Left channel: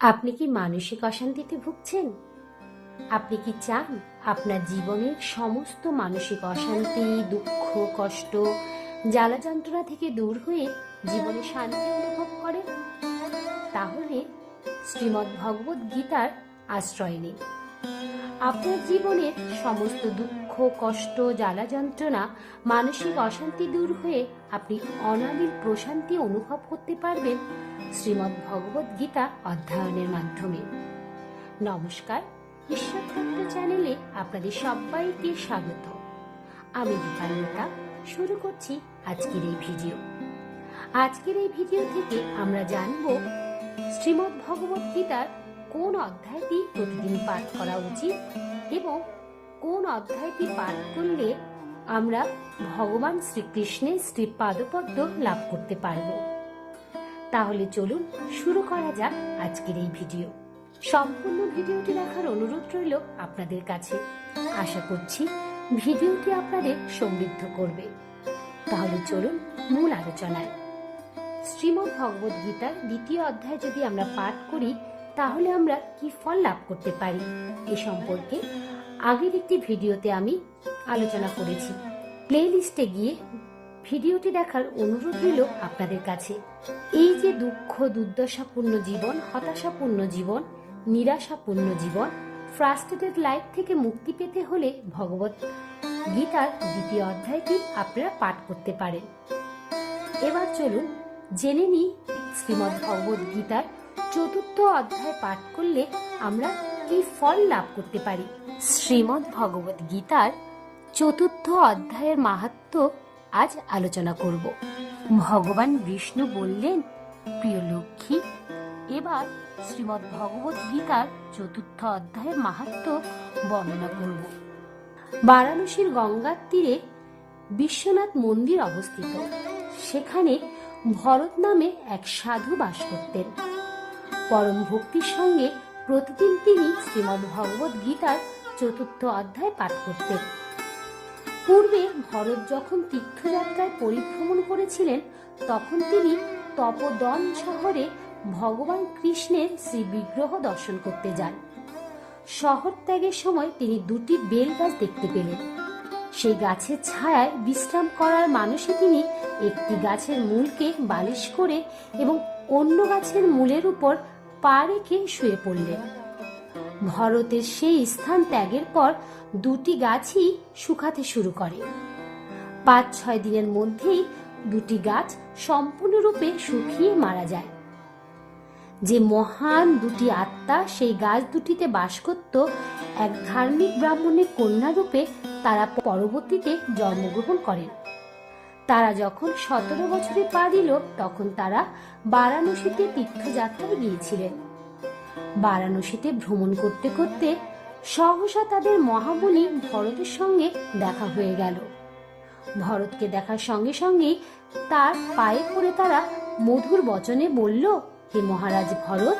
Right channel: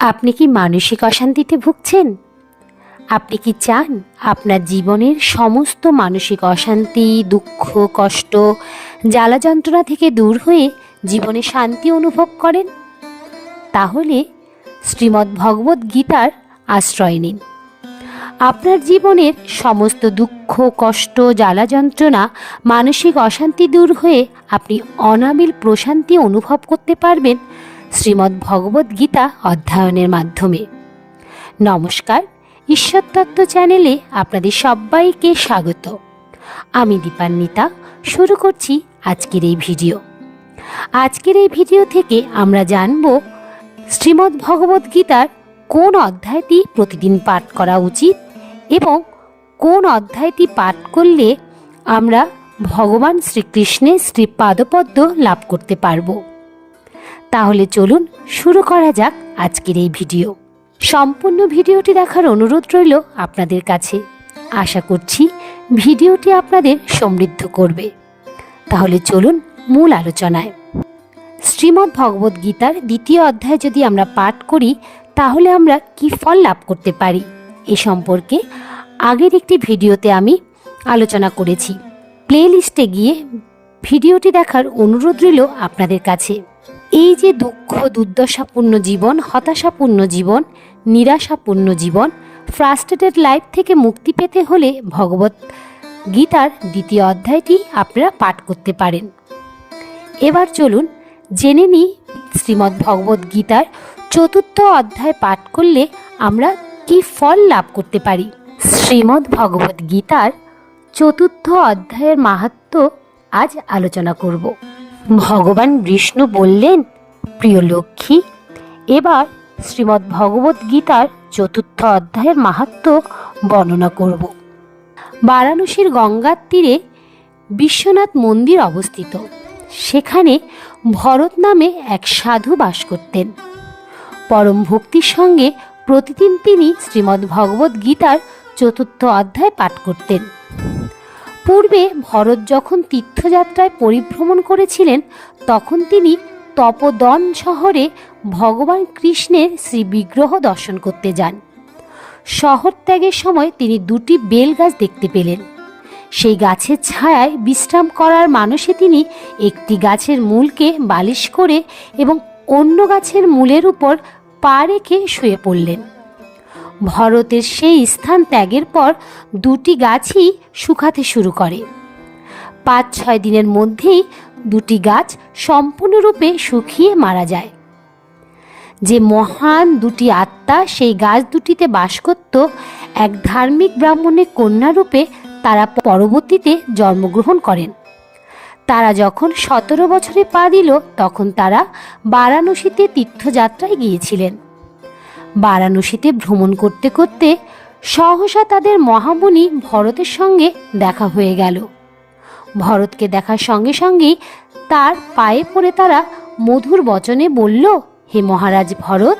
আপনি কি মানসিক অশান্তিতে ভুগছেন? আপনি কি চান আপনার জীবনের সমস্ত মানসিক অশান্তি, দুঃখ, কষ্ট, জ্বালা যন্ত্রণা থেকে দূর হয়ে জীবনে শান্তি অনুভব করেন? তাহলে শ্রীমদ্ ভগবদ্ গীতার আশ্রয় নিন। আপনার জীবনের সমস্ত দুঃখ, কষ্ট, জ্বালা যন্ত্রণা, মানসিক অশান্তি দূর হয়ে আপনি অনাবিল প্রশান্তি অনুভব করতে পারবেন শ্রীমদ্ ভগবদ্ গীতা অধ্যয়নের মাধ্যমে। নমস্কার ঈশ্বরতত্ত্ব চ্যানেলে আপনাদের সবাইকে স্বাগত। আমি দীপান্বিতা, শুরু করছি আজকের এই ভিডিও। আজকের এই ভিডিও থেকে আমরা জানব শ্রীমদ্ ভগবদ্ গীতার কোন অধ্যায়টি প্রতিদিন পাঠ করা উচিত এবং কোন অধ্যায়টি পাঠ করলে আমরা ভগবান শ্রীকৃষ্ণের শ্রী পাদপদ্ম লাভ করতে পারব। তাহলে চলুন শুরু করা যাক আজকের এই ভিডিও। সম্পূর্ণ ভিডিওটি দেখার অনুরোধ রইল আপনাদের কাছে। আশা করছি ভিডিওটি আপনাদের সমৃদ্ধ করবে। তাহলে চলুন মূল আলোচনায়। শ্রীমদ্ ভগবদ্ গীতার দ্বিতীয় অধ্যায় যদি আমরা পাঠ করি, তাহলে আমরা কি ফল লাভ করতে পারি? এ সম্পর্কে আগের একটি ভিডিওতে আমি আলোচনা করেছি। প্লে লিস্টে গিয়ে ভিডিওটি দেখার অনুরোধ রইল আপনাদের কাছে। এই যে দুঃখ, দুর্দশাপূর্ণ জীবন, হতাশাপূর্ণ জীবন, নিরাশাপূর্ণ জীবন ফ্রাস্ট্রেটেড লাইফ থেকে মুক্তি পেতে হলে ভগবত গীতার দ্বিতীয় অধ্যায়টি আপনারা পাঠ করতে পারেন। এবার চলুন জেনে নিই শ্রীমদ্ ভগবত গীতার চতুর্থ অধ্যায় পাঠ করলে আমরা কি ফল লাভ করতে পারি? শ্রীমদ্ ভগবত গীতার চতুর্থ অধ্যায়ের মাহাত্ম আজ আলোচনা করব। ভগবান বিষ্ণু বললেন, প্রিয় লক্ষ্মী, এবার শ্রীমদ্ ভগবত গীতার চতুর্থ অধ্যায়ের মাহাত্ম বর্ণনা করব। বারাণসীর গঙ্গার তীরে বিশ্বনাথ মন্দির অবস্থিত। সেখানে ভরত নামে এক সাধু বাস করতেন। পরম ভক্তির সঙ্গে প্রতিদিন তিনি শ্রীমদ্ ভগবত গীতার চতুর্থ অধ্যায় পাঠ করতেন। পূর্বে ভরত যখন তীর্থযাত্রায় পরিভ্রমণ করেছিলেন, তখন তিনি তপদন শহরে ভগবান কৃষ্ণের শ্রী বিগ্রহ দর্শন করতে যান। শহর ত্যাগের সময় তিনি দুটি বেল গাছ দেখতে পেলেন। সেই গাছের ছায়ায় বিশ্রাম করার মানসে তিনি একটি গাছের মূলকে বালিশ করে এবং অন্য গাছের মূলের উপর পা রেখে শুয়ে পড়লেন। ভরতের সেই স্থান ত্যাগের পর দুটি গাছই শুকাতে শুরু করে। পাঁচ ছয় দিনের মধ্যেই দুটি গাছ সম্পূর্ণরূপে শুকিয়ে মারা যায়। যে মহান দুটি আত্মা সেই গাছ দুটিতে বাস করত, এক ধার্মিক ব্রাহ্মণের কন্যারূপে তারা পরবর্তীতে জন্মগ্রহণ করেন। তারা যখন সতেরো বছরে পা দিল, তখন তারা বারাণসীতে তীর্থযাত্রায় গিয়েছিলেন। বারাণসীতে ভ্রমণ করতে করতে সহসা তাদের মহামুনি ভরতের সঙ্গে দেখা হয়ে গেল। ভরতকে দেখার সঙ্গে সঙ্গেই তার পায়ে পড়ে তারা মধুর বচনে বলল, হে মহারাজ ভরত,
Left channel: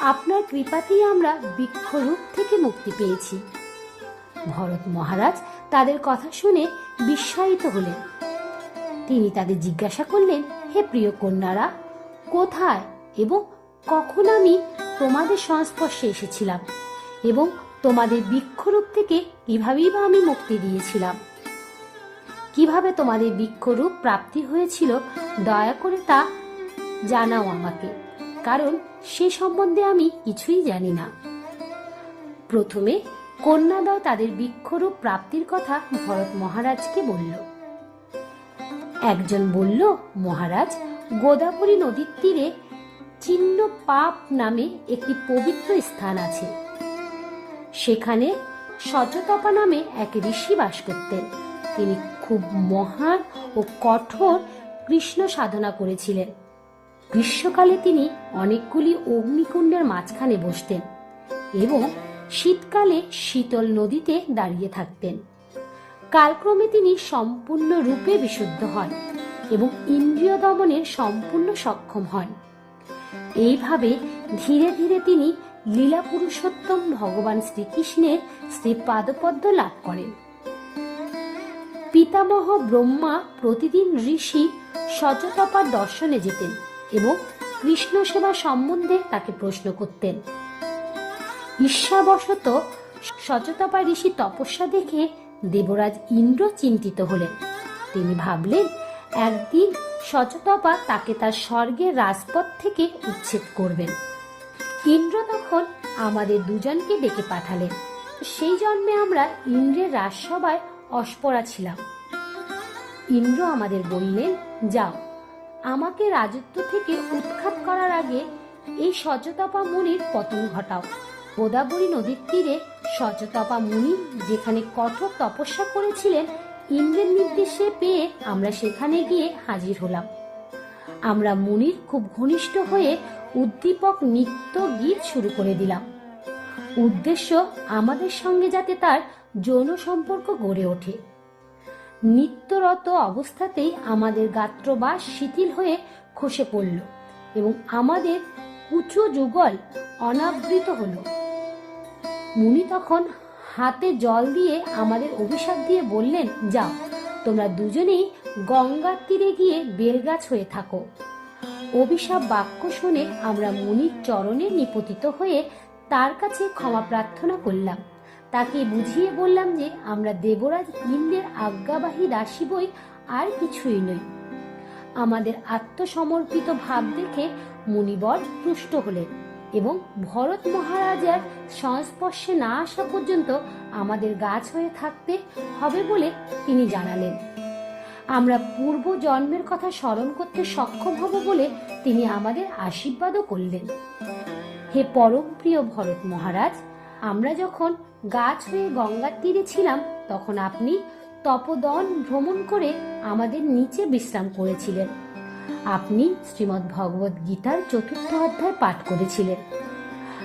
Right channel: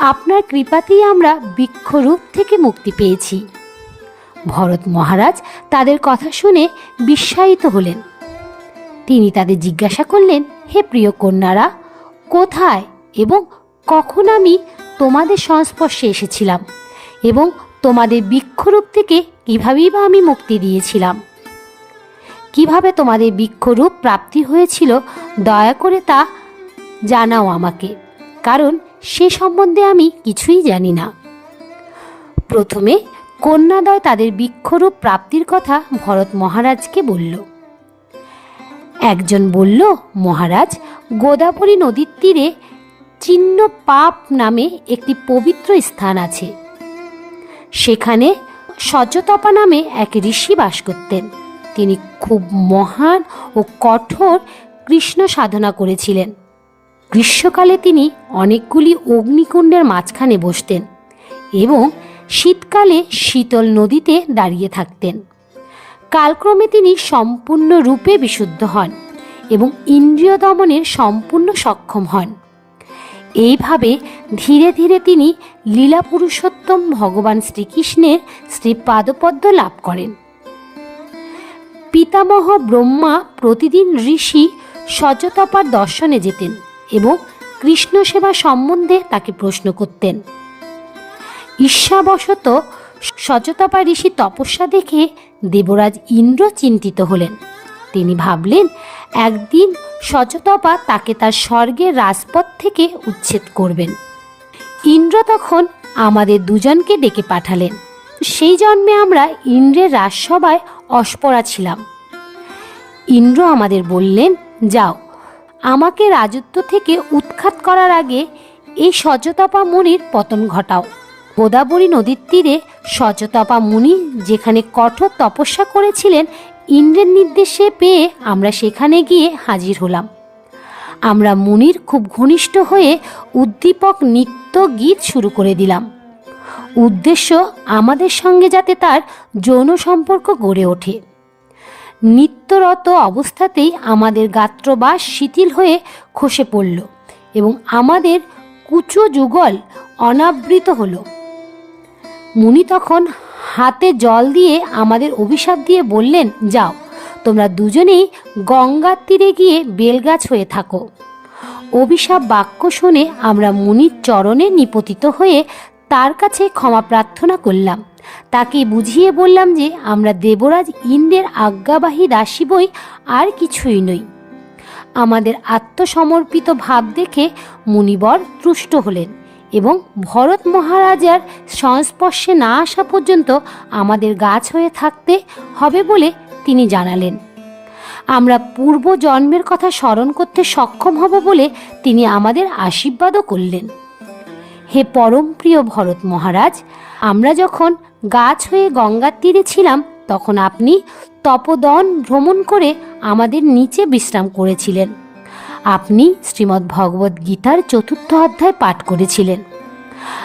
আপনার কৃপাতেই আমরা বৃক্ষরূপ থেকে মুক্তি পেয়েছি ভরত মহারাজ তাদের কথা শুনে বিস্ময়িত হলেন। তিনি তাদের জিজ্ঞাসা করলেন, হে প্রিয় কন্যারা, কোথায় এবং কখন আমি তোমাদের সংস্পর্শে এসেছিলাম এবং তোমাদের বৃক্ষরূপ থেকে কীভাবেই বা আমি মুক্তি দিয়েছিলাম। কীভাবে তোমাদের বৃক্ষরূপ প্রাপ্তি হয়েছিল দয়া করে তা জানাও আমাকে, কারণ সে সম্বন্ধে আমি কিছুই জানি না। প্রথমে কন্যাদয় তাদের বৃক্ষরূপ প্রাপ্তির কথা ভরত মহারাজকে বলল। একজন বলল, মহারাজ, গোদাবরী নদীর তীরে চিহ্ন পাপ নামে একটি পবিত্র স্থান আছে। সেখানে সচতপা নামে এক ঋষি বাস করতেন। তিনি খুব মহান ও কঠোর কৃষ্ণ সাধনা করেছিলেন। গ্রীষ্মকালে তিনি অনেকগুলি অগ্নিকুণ্ডের মাঝখানে বসতেন এবং শীতকালে শীতল নদীতে দাঁড়িয়ে থাকতেন। কালক্রমে তিনি সম্পূর্ণ রূপে বিশুদ্ধ হন এবং ইন্দ্রিয় দমনের সম্পূর্ণ সক্ষম হন। এইভাবে ধীরে ধীরে তিনি লীলা পুরুষোত্তম ভগবান শ্রীকৃষ্ণের শ্রী পাদপদ্ম লাভ করেন। পিতামহ ব্রহ্মা প্রতিদিন ঋষি সচতপার দর্শনে যেতেন এবং কৃষ্ণ সেবা সম্বন্ধে তাকে প্রশ্ন করতেন। ঈর্ষাবশত সচতাপা ঋষি তপস্যা দেখে দেবরাজ ইন্দ্র চিন্তিত হলেন। তিনি ভাবলেন একদিন সচতপা তাকে তার স্বর্গের রাজপথ থেকে উচ্ছেদ করবেন। ইন্দ্র তখন আমাদের দুজনকে ডেকে পাঠালেন। সেই জন্মে আমরা ইন্দ্রের রাজসভায় অস্পরা ছিলাম। ইন্দ্র আমাদের বললেন, যাও, আমাকে রাজত্ব থেকে উৎখাত করার আগে এই সচতাপা মুনির পতন ঘটাও। গোদাবরী নদীর তীরে সচতাপা মুনি যেখানে কঠোর তপস্যা করেছিলেন ইন্দ্রের নির্দেশে পেয়ে আমরা সেখানে গিয়ে হাজির হলাম। আমরা মুনির খুব ঘনিষ্ঠ হয়ে উদ্দীপক নৃত্য গীত শুরু করে দিলাম। উদ্দেশ্য আমাদের সঙ্গে যাতে তার যৌন সম্পর্ক গড়ে ওঠে। নিত্যরত অবস্থাতেই আমাদের গাত্রবাস শিথিল হয়ে খসে পড়ল এবং আমাদের কুচো যুগল অনাবৃত হলো। মুনি তখন হাতে জল দিয়ে আমাদের অভিশাপ দিয়ে বললেন, যাও, তোমরা দুজনেই গঙ্গার তীরে গিয়ে বেলগাছ হয়ে থাকো। অভিশাপ বাক্য শুনে আমরা মুনির চরণে নিপতিত হয়ে তার কাছে ক্ষমা প্রার্থনা করলাম। তাকে বুঝিয়ে বললাম যে, আমরা দেবরাজ ইন্দ্রের আজ্ঞাবাহী দাসী বই আর কিছুই নই। আমাদের আত্মসমর্পিত ভাব দেখে মুনিবর তুষ্ট হলেন। এবং ভরত মহারাজার সংস্পর্শে না আসা পর্যন্ত আমাদের গাছ হয়ে থাকতে হবে বলে তিনি জানালেন। আমরা পূর্ব জন্মের কথা স্মরণ করতে সক্ষম হব বলে তিনি আমাদের আশীর্বাদও করলেন। হে পরম প্রিয় ভরত মহারাজ, আমরা যখন গাছ হয়ে গঙ্গার তীরে ছিলাম, তখন আপনি তপদন ভ্রমণ করে আমাদের নিচে বিশ্রাম করেছিলেন। আপনি শ্রীমদ্ ভগবত গীতার চতুর্থ অধ্যায় পাঠ করেছিলেন।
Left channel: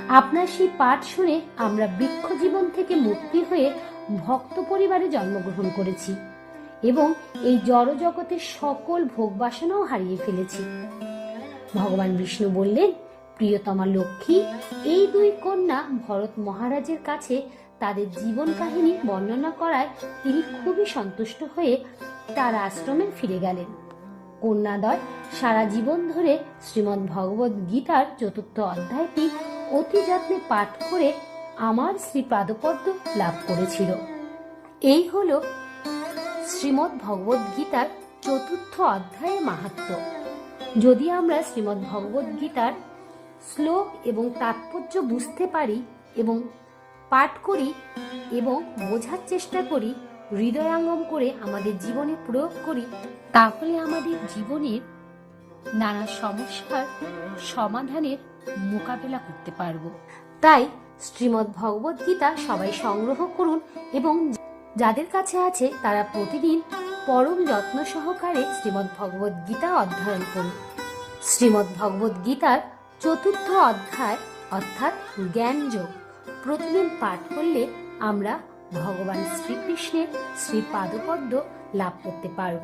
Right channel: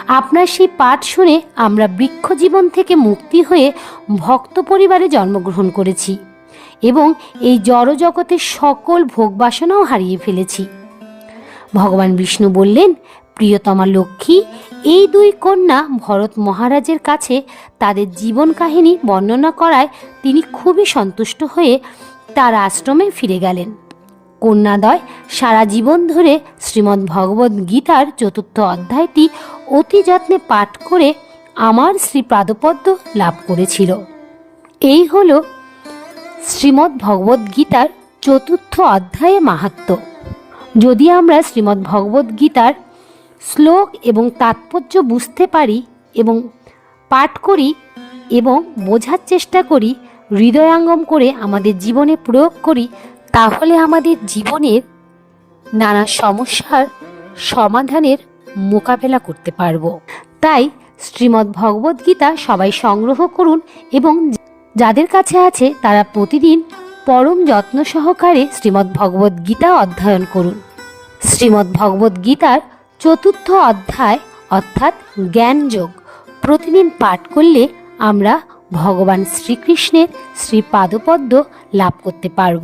আপনার সেই পাঠ শুনে আমরা বৃক্ষ জীবন থেকে মুক্তি হয়ে ভক্ত পরিবারে জন্মগ্রহণ করেছি এবং এই জড়জগতের সকল ভোগবাসনাও হারিয়ে ফেলেছি। ভগবান বিষ্ণু বললেন, প্রিয়তমা লক্ষ্মী, এই দুই কন্যা ভরত মহারাজের কাছে তাদের জীবন কাহিনী বর্ণনা করায় তিনি খুবই সন্তুষ্ট হয়ে তার আশ্রমে ফিরে গেলেন। কন্যাদয় সারা জীবন ধরে শ্রীমদ্ ভগবদ্ গীতার চতুর্থ অধ্যায়টি অতি যত্নে পাঠ করে আমার শ্রী পাদপদ্ম লাভ করেছিল। এই হল শ্রীমদ্ ভগবদ্ গীতার চতুর্থ অধ্যায়ে মাহাত্ম্য যদি আমরা শ্রীমদ্ ভগবদ্ গীতার শ্লোক এবং তাৎপর্য বুঝতে পারি এবং পাঠ করি এবং বোঝার চেষ্টা করি, হৃদয়াঙ্গম করে আমাদের জীবনে প্রয়োগ করি তাহলে আমাদের জীবনের নানা সমস্যার সমাধানের মোকাবেলা করতে পারব। তাই শ্রীমদ্ ভগবদ্ গীতা সবাই সংগ্রহ করুন এবং যাদের কাছে আছে তারা প্রতিদিন পরম যত্ন সহকারে শ্রীমদ্ ভগবদ্ গীতা অধ্যয়ন করুন। শ্রীমদ্ ভগবদ্ গীতার চতুর্থ অধ্যায় অর্থাৎ জ্ঞানযোগ প্রতিদিন পাঠ করলে আমরা ভগবান শ্রীকৃষ্ণের শ্রী পাদপদ্ম লাভ করতে পারব।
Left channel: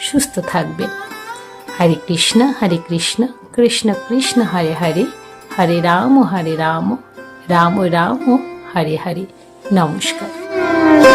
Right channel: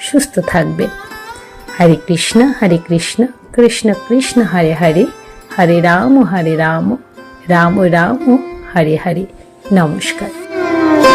সুস্থ থাকবে। হরে কৃষ্ণ হরে কৃষ্ণ কৃষ্ণ কৃষ্ণ, হরে হরে হরে রাম হরে রাম রাম রাম, হরে হরে। নমস্কার।